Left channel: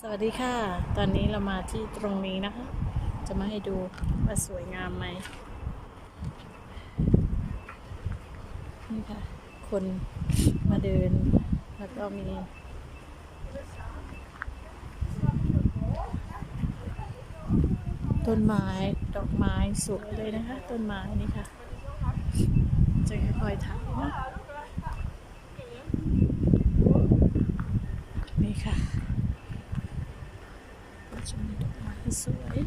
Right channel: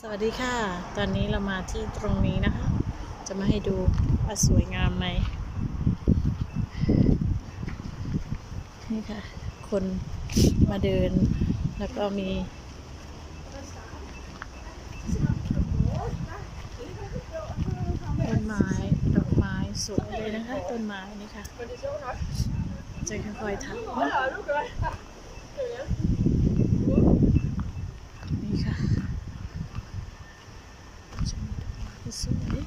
สวัสดีค่ะ ตอนนี้เรามาที่ตรงนี้นะคะ จะมาให้ดูว่าสวยงามไหม นี่ค่ะ คนมาเดิน แล้วก็มี ต้นไม้ ดอกไม้สวยเลยนะคะ ต้นไม้นี่ค่ะ จะค่อยๆถักนะนี่ค่ะ จะมีดอกไม้สวย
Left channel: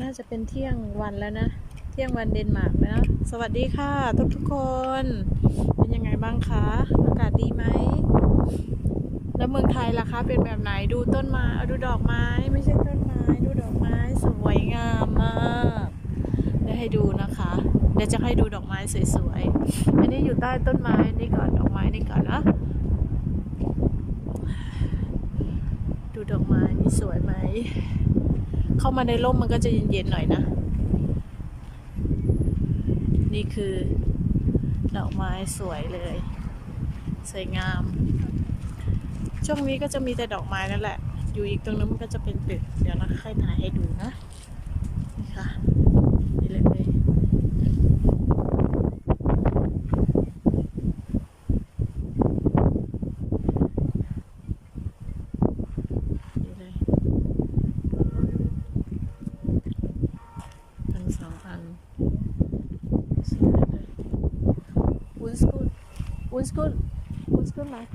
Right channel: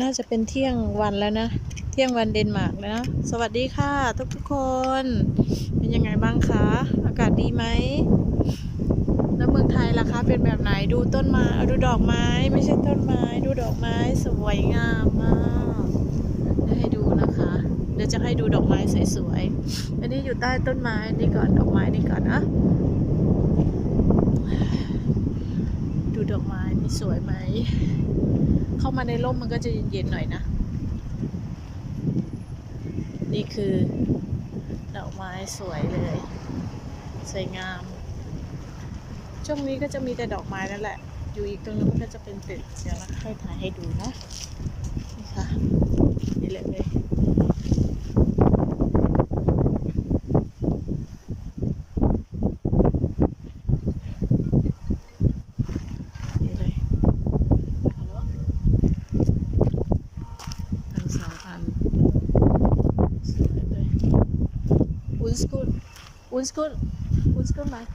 น่าจะเป็นเที่ยงวันแล้วนะ เที่ยงวันเดนมาร์กนะ สวัสดีค่ะ ทุกทุกคน เป็นยังไงบ้างคะ อากาศดีไหม แล้วเมืองไทยล่ะคะ เป็นแบบไหน ดูต้นไม้อาดูดอกไม้ ไม่ใช่ต้นไม้ ดูดอกไม้สวยงามมากเดี๋ยวให้ดูนะคะ เดี๋ยวจะให้ดูดอกไม้สวยๆ อันนี้อยู่ใต้ต้นไม้นี่ก่อน ดอกไม้นี่ก่อนนะดูดอกไม้นี่สวยไหม เข้ามาในร่มมันก็จะเย็นๆหน่อยนะ นี่คือดอกไม้สวยเลย สวยงาม ช่วงนี้ก็จะมีแต่ดอกไม้นั่นแหละ อยู่อีกตรงนั้นมันก็จะเป็นตึก เดี๋ยวนะค่อยถ่ายให้ดูนะ นี่ค่ะ นี่เลยนี่เลย ทั้งสองอันสวยเลย Undskyld. Undskyld. Undskyld mig.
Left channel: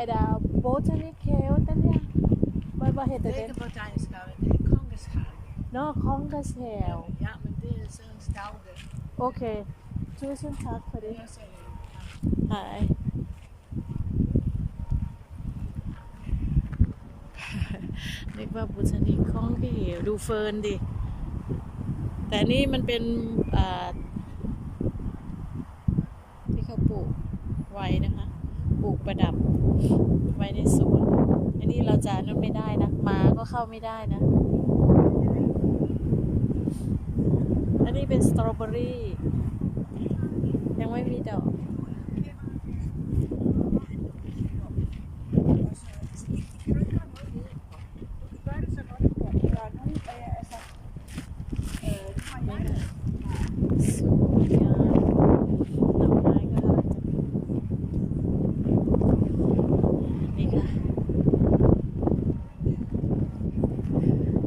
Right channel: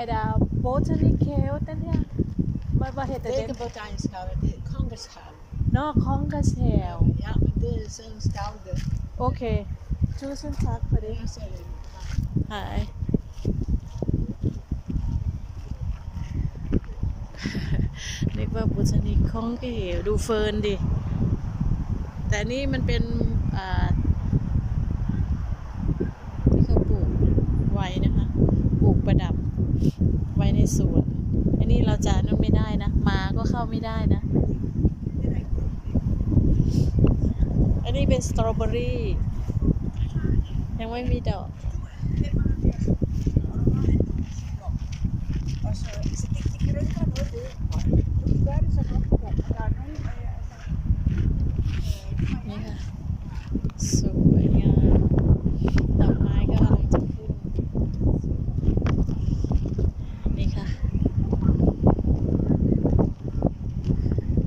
Er der botanic have, den her? Hvad, hvad hedder Det er den? ikke botanisk have, det er kongeshave. Nå, Kongens have. Ja, men det er sådan stavle. Okay. Tusind tak for det. Det er sådan. Hej. นึกว่าบูชนิกคองก็เหวดูเฟิร์นดิ แต่อันนี่มันเป็นอ่าที่เขาปลูกไว้นะคะ ป ลูกประดับไว้ในสวน อันนี้เราจะนั่นไม่ได้นะหมาก็เข้าไม่ได้นะ อันนี้เป็นสตรอเบอรี่ยังไม่มีดอก Og så, så det, det kan du ikke gøre noget ved. De gør det så godt, at der er nogen, øh, altså, øh, nu har นี่ jeg ค่ะสวยงามดอกไม้ก็กำลังจะขึ้นนี่ค่ะ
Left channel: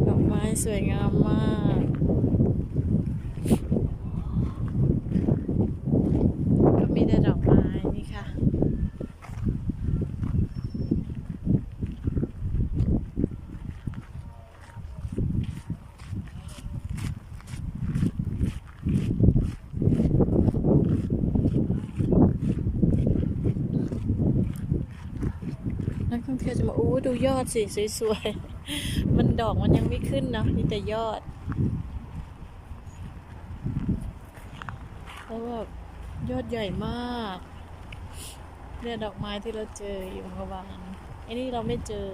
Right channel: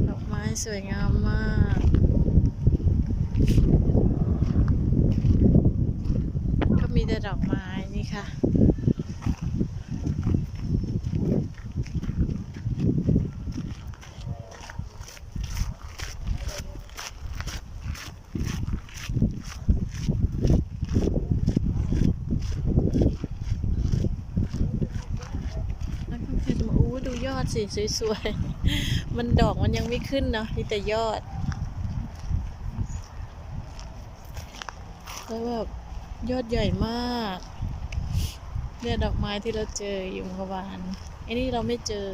ดอกไม้สวย งามมาก ก็มีแต่ดอกไม้นี่ค่ะ นักท่องเที่ยวจะมาอู้ดูยอดสิสวยๆ มันดอกมันยังไม่ขึ้นเนาะมีแต่ยอด แล้วแบบยอดใหญ่มากเนี่ยดอกไม้ที่เราเจออยู่เมื่อวานไอ้นี่เราไม่เจอ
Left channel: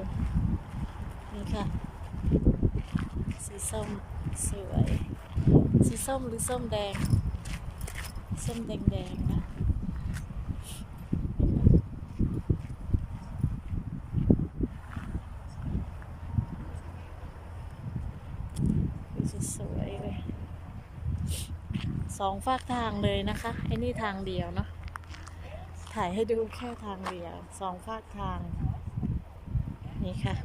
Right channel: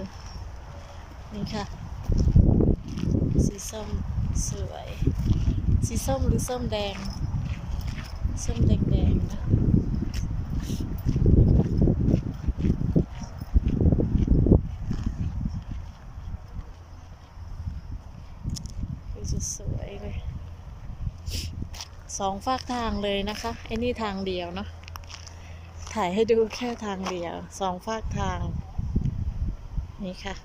นี่ค่ะ สีส้มสวย สีส้มหรือส้มแดง ส้มแดงๆนะ คือจะสวยเลย สองฝากทางเลยนะคะไอ้นี่ทางเดียวเนาะถ่ายให้ดูแค่ทางเดียวสองฝากทาง นี่ค่ะ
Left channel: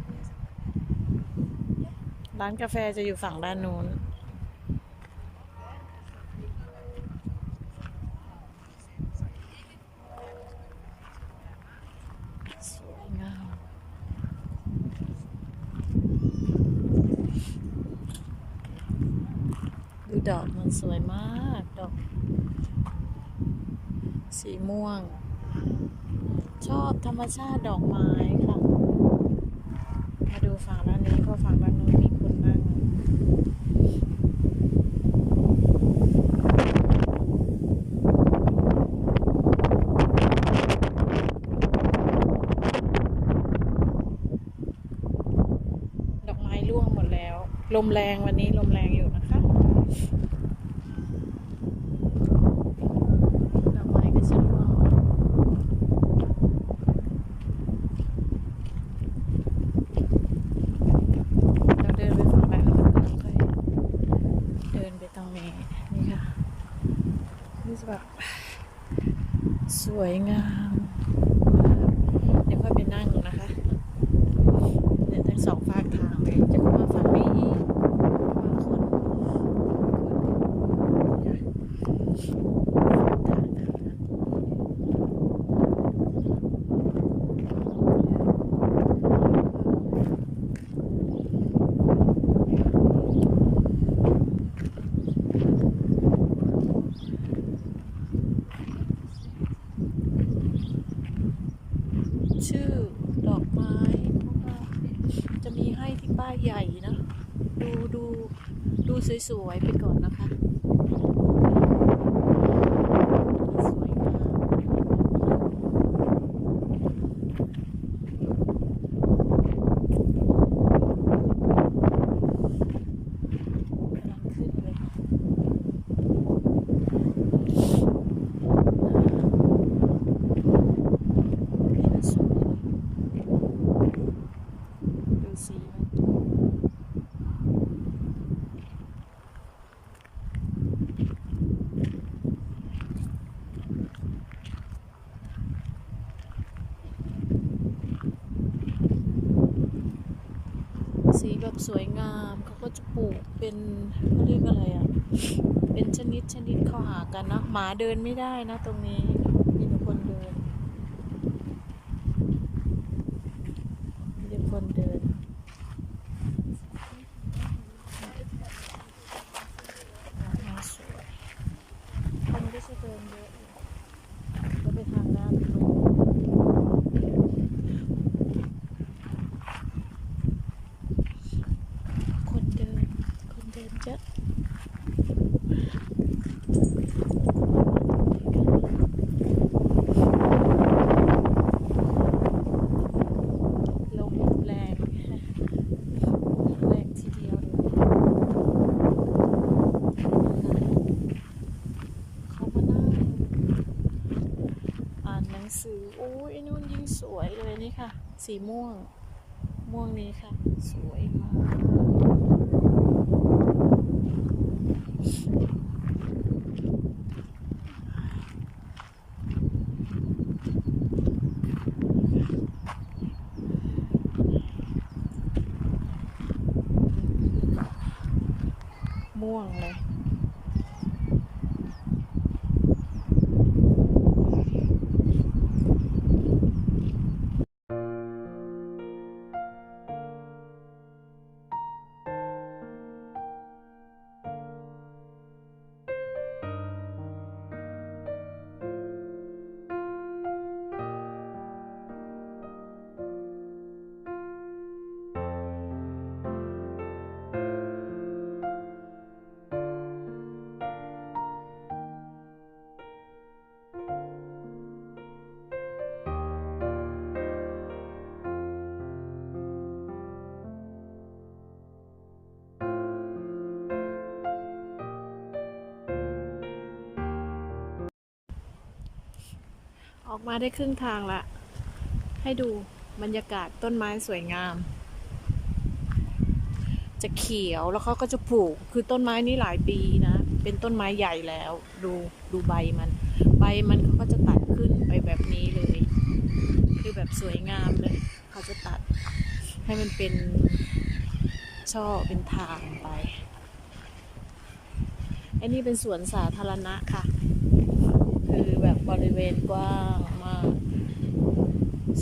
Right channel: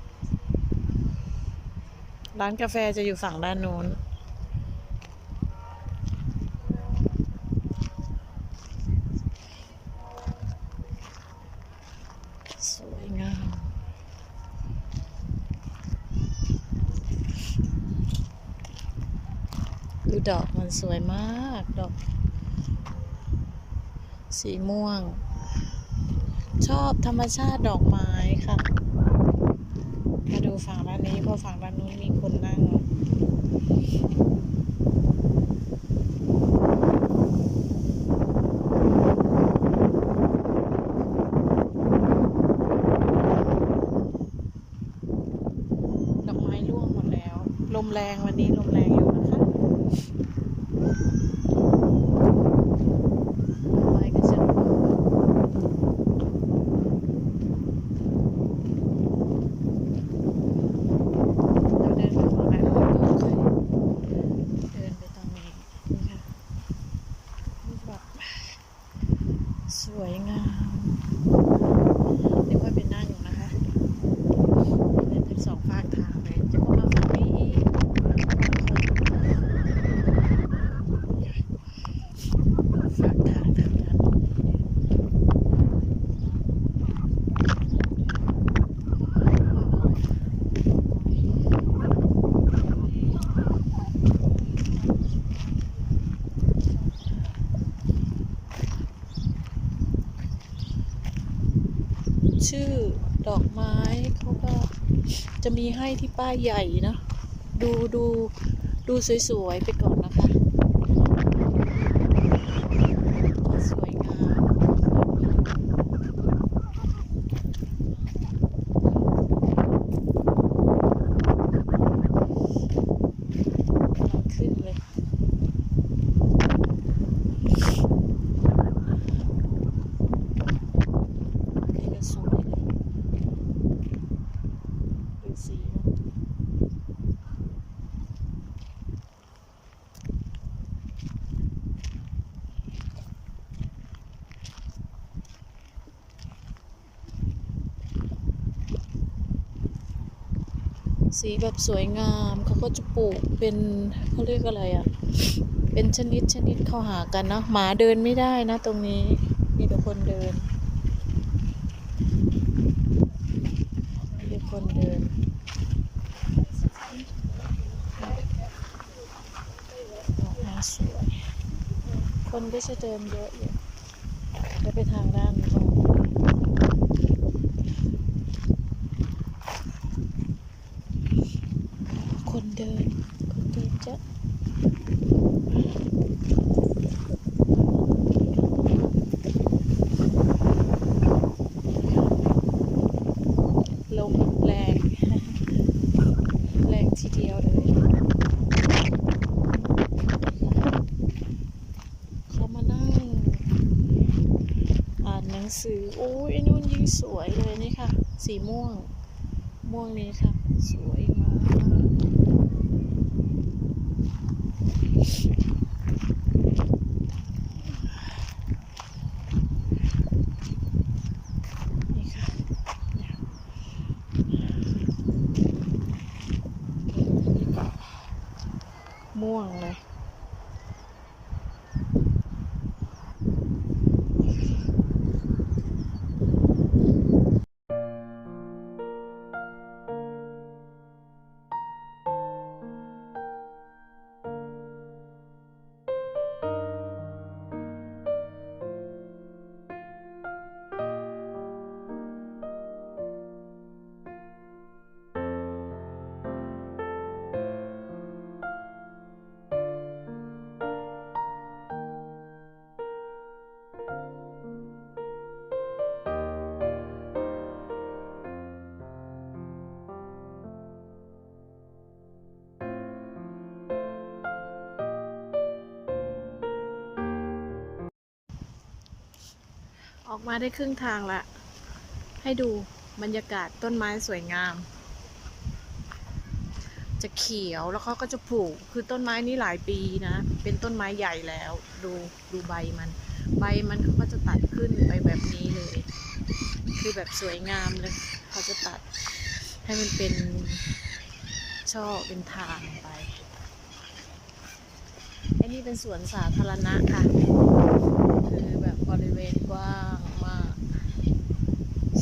ร้านกาแฟจะอยู่ฝั่งด้านนู้น ดูดอกมันสวยมากดอก สีม่วง ชอบธรรมชาติดอกไม้ค่ะ มาดูฝั่งด้านนี้เพราะฝั่งด้านนู้นมีคนนั่งดอกไม้ร่วงหมดแล้วลมแรงวันนี้ สองฝากทางเลยจะเข้ามาฝั่งนี้อีกฝากทางทางนั้นชื่อดอกไม้ จะมีให้ที่ป้ายใหญ่นะ ดูดูดูสวยๆไปก่อนนะคะ สวยงามกำลังขึ้นเลย นี่ก็สวยดูสีมัน สีแบบสวยงามเขาก็จะปลูกเป็นเขาเรียกอะไรอะ เป็นชนิดชนิดเข้าหากันเนาะหมาเดินไม่ได้นะตรงนี้มีแต่คนเดินมีแต่คนเดินม้สวย คนก็จะเดินเยอะอยู่จะไปทางด้านโน้นคนเดิน คนเดินเยอะลมแรง แรงทีเดียวเลย เขามานั่งอ่านหนัง สือโอ้ยไอ้นู่นยิ่งสวยเลยนี่ค่ะ สีม่วง ม่วงนี้ค่ะ สวยมากม่วงเลย ออกมาได้ครึ่งทางละ ให้ดูบรรยากาศต้นไม้สวยงาม จะเขียวแล้วเขาก็จะปลูก คือต้นไม้นี้หลายปีนะ เป็นต้นไม้ใหญ่แล้ว ดูดูใบมัน ใบมันเขาก็จะตัดขึ้นไปแบบนี้เลย คือแบบสวยงามเลย เขาจะตัดให้มันเป็นช่อเป็นทางไปอันนี้เป็นสวนสาธารณะค่ะ คือ บริเวณกว้างมาก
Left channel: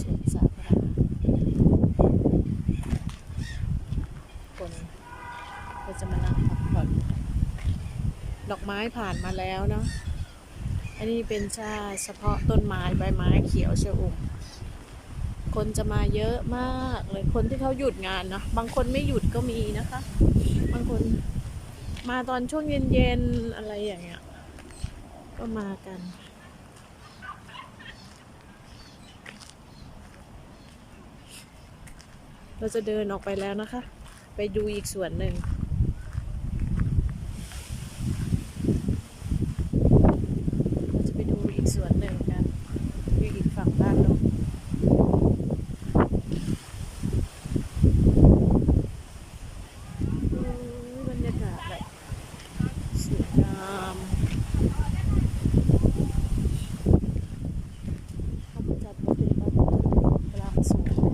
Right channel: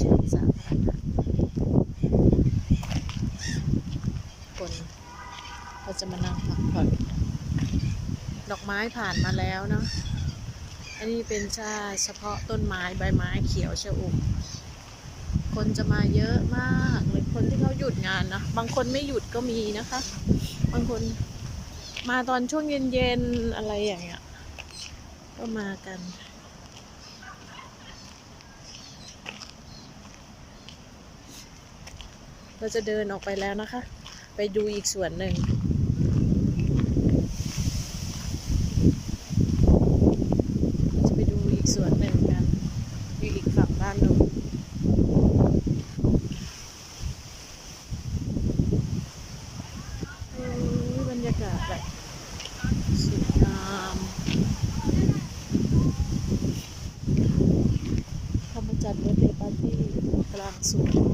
สวนสาธารณะคนเขาจะมานั่งพักผ่อนดอกไม้ผ่านมาแล้วเนาะอันนี้เป็นชาเฉพาะต้นไม้ใบไม้เขียวเชอุ่มคนจะมาเยอะมากเลยคนที่เขาหยุดงานนะบางคนไม่หยุดก็มีนะคะ บางคนมาตอนช่วงเย็นๆอะไรอย่างเงี้ยก็มากัน เราจะเดินออกไปแล้วนะคะ ไปดูอีกส่วนหนึ่งเราจะไปดูอีกส่วนหนึ่งกันอยู่อีกฝั่งด้านนู้นบรรยากาศแบบสวยงามเขาจัดเบอร์เดย์ปาร์ตี้กลางสวน